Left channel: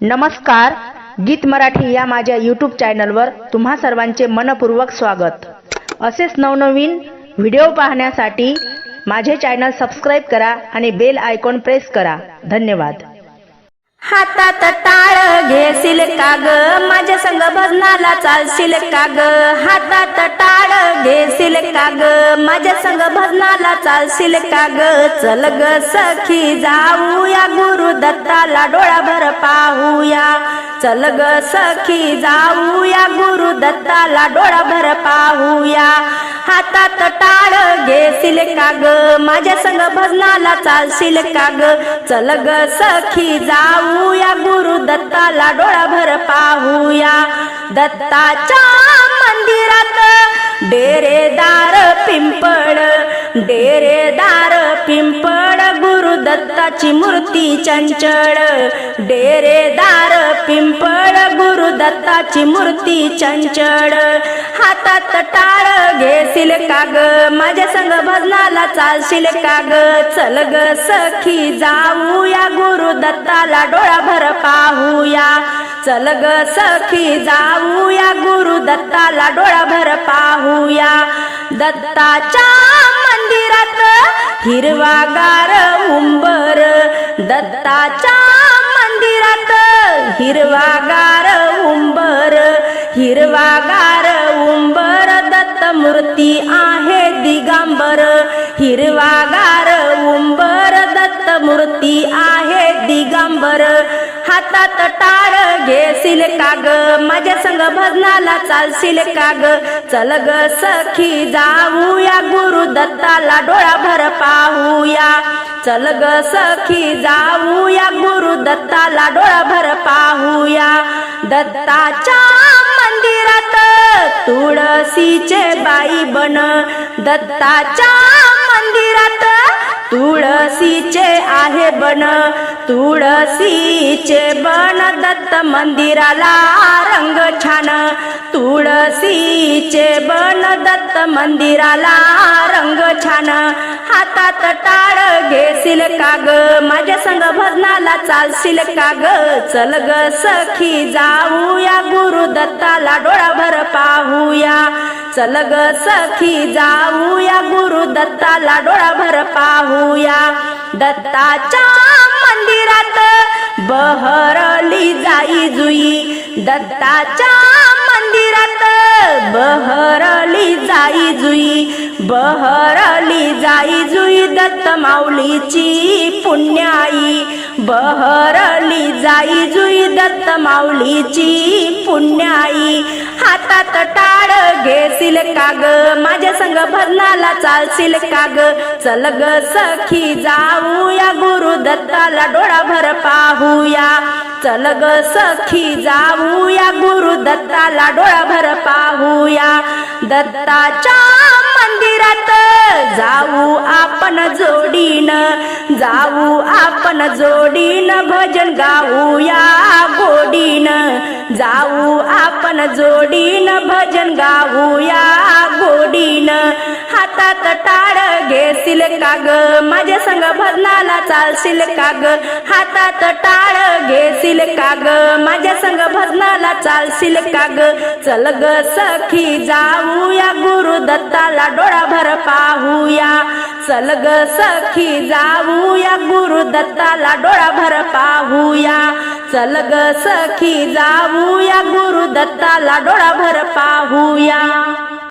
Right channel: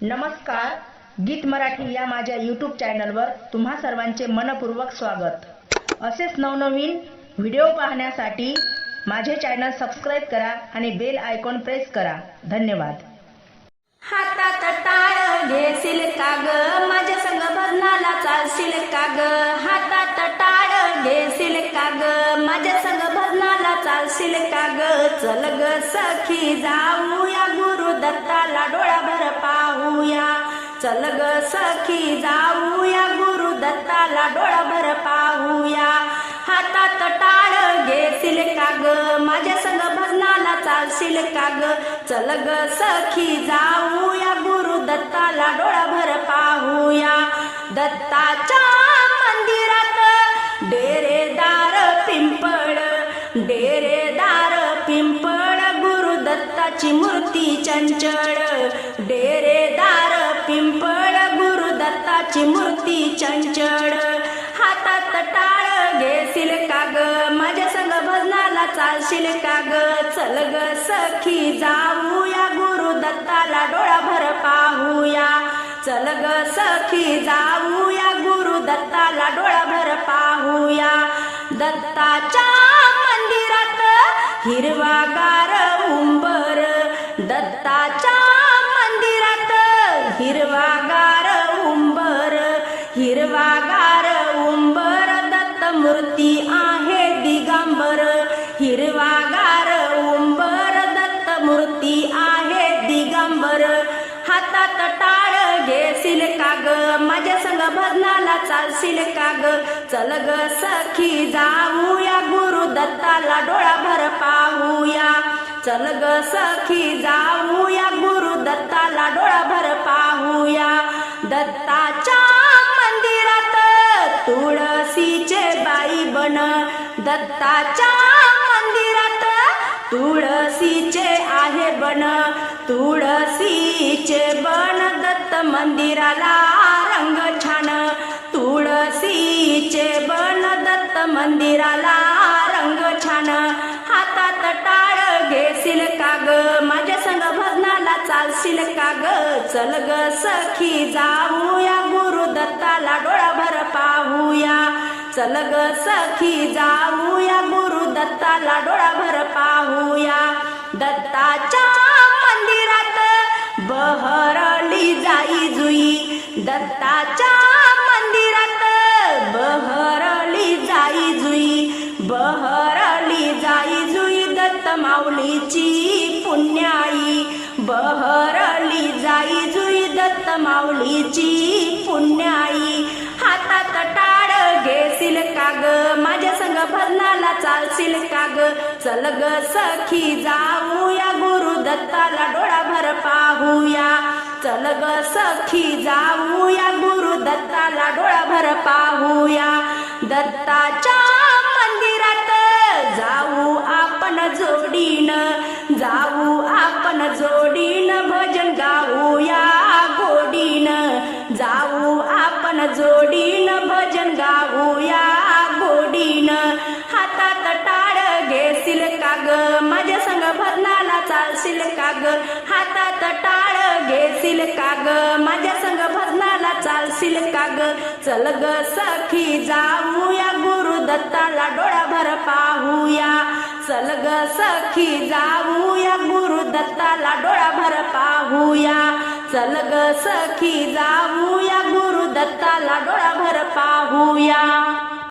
नमस्कार गीत मराठी या माझ्या यूट्यूब चॅनलवर तुम्हा सर्वांचे मनपूर्वक स्वागत. असेच नवनवीन व्हिडिओ पाहण्यासाठी माझे चॅनल सबस्क्राईब करा आणि बेल आयकॉन प्रेस करा. धन्यवाद. हातात टाळ घेशील का ग? माझ्या संग भजनाला चालशील का ग? हातात टाळ घेशील का ग माझ्या संग भजनाला चालशील का ग चल ग सखी जाऊया गुरु दत्ताला डोळाभर पाहूया. चल ग सखी जाऊया गुरु दत्ताला डोळाभर पाहूया. हातात टाळ घेशील का ग माझ्या संग भजनाला चालशील का ग चल ग सखी जाऊया गुरु दत्ताला डोळाभर पाहूया. दत्ताच्या डेरेदार पिंपळ डेरेदार पिंपळ गुरुदत्ताची मूर्ती चंचळ. डेरेदार पिंपळ गुरुदत्ताची मूर्ती चंचळ. हातात टाळ घेशील का माझ्या संग भजनाला चालशील काग चल ग सखी जाऊया गुरुदत्ताला डोळा डोळाभर पाहूया. चल ग सखी जाऊया गुरु दत्ताला डोळाभर पाहूया. दत्ताच्या मंदिरात हिरवागार उंबर. दत्ताच्या मंदिरात हिरवागार उंबर. हिरवागार उंबर दत्त मूर्ती आहे दिगंबर. हिरवागार उंबर दत्त मूर्ती आहे हातात टाळ घेशील का ग माझ्या संग भजनाला चालशील का ग चल ग सखी जाऊया गुरु दत्ताला डोळाभर पाहूया. चल ग सखी जाऊया गुरु दत्ताला डोळाभर पाहूया. दत्ताच्या मंदिरात तुळशीचे बाई बन. दत्ताच्या तुळशीचे आहे बन. तुळशीचे बन दत्त मंदिराला रंग छान. तुळशीचे बन दत्त मंदिराला रंग छान. हातात टाळ घेशील का ग? माझ्या संग भजनाला चालशील का ग? चल ग सखी जाऊया गुरु दत्ताला डोळाभर पाहूया. चल ग सखी जाऊया गुरु दत्ताला डोळाभर पाहूया. दत्ताच्या मंदिरात बहरली जाई जुई. दत्ताच्या मंदिरात बहरली जाई जुई. बहर माऊलीची पुण्याई बहरली जाई जुई दत्त माऊलीची पुण्याई. हातात टाळ घेशील का ग माझ्या संग भजनाला चालशील का ग चल ग सखी जाऊया गुरु दत्ताला डोळाभर पाहूया. चल ग सखी जाऊया गुरु दत्ताला डोळाभर पाहूया. दत्ताच्या मंदिरात जाऊ आपण जोडीन जाऊ आपण जोडीन भजन गाऊया गोडीन. जाऊ आपण जोडीन भजन गाऊया गोडीन. हातात टाळ घेशील का ग? माझ्या संग भजनाला चालशील का ग? हातात टाळ घेशील का ग? माझ्या संग भजनाला चालशील का ग? चल ग सखी जाऊया गुरु दत्ताला डोळाभर पाहूया. चल ग सखी जाऊया गुरु दत्ताला डोळाभर पाहूया. चल ग सखी जाऊया गुरु दत्ताला डोळाभर पाहूया.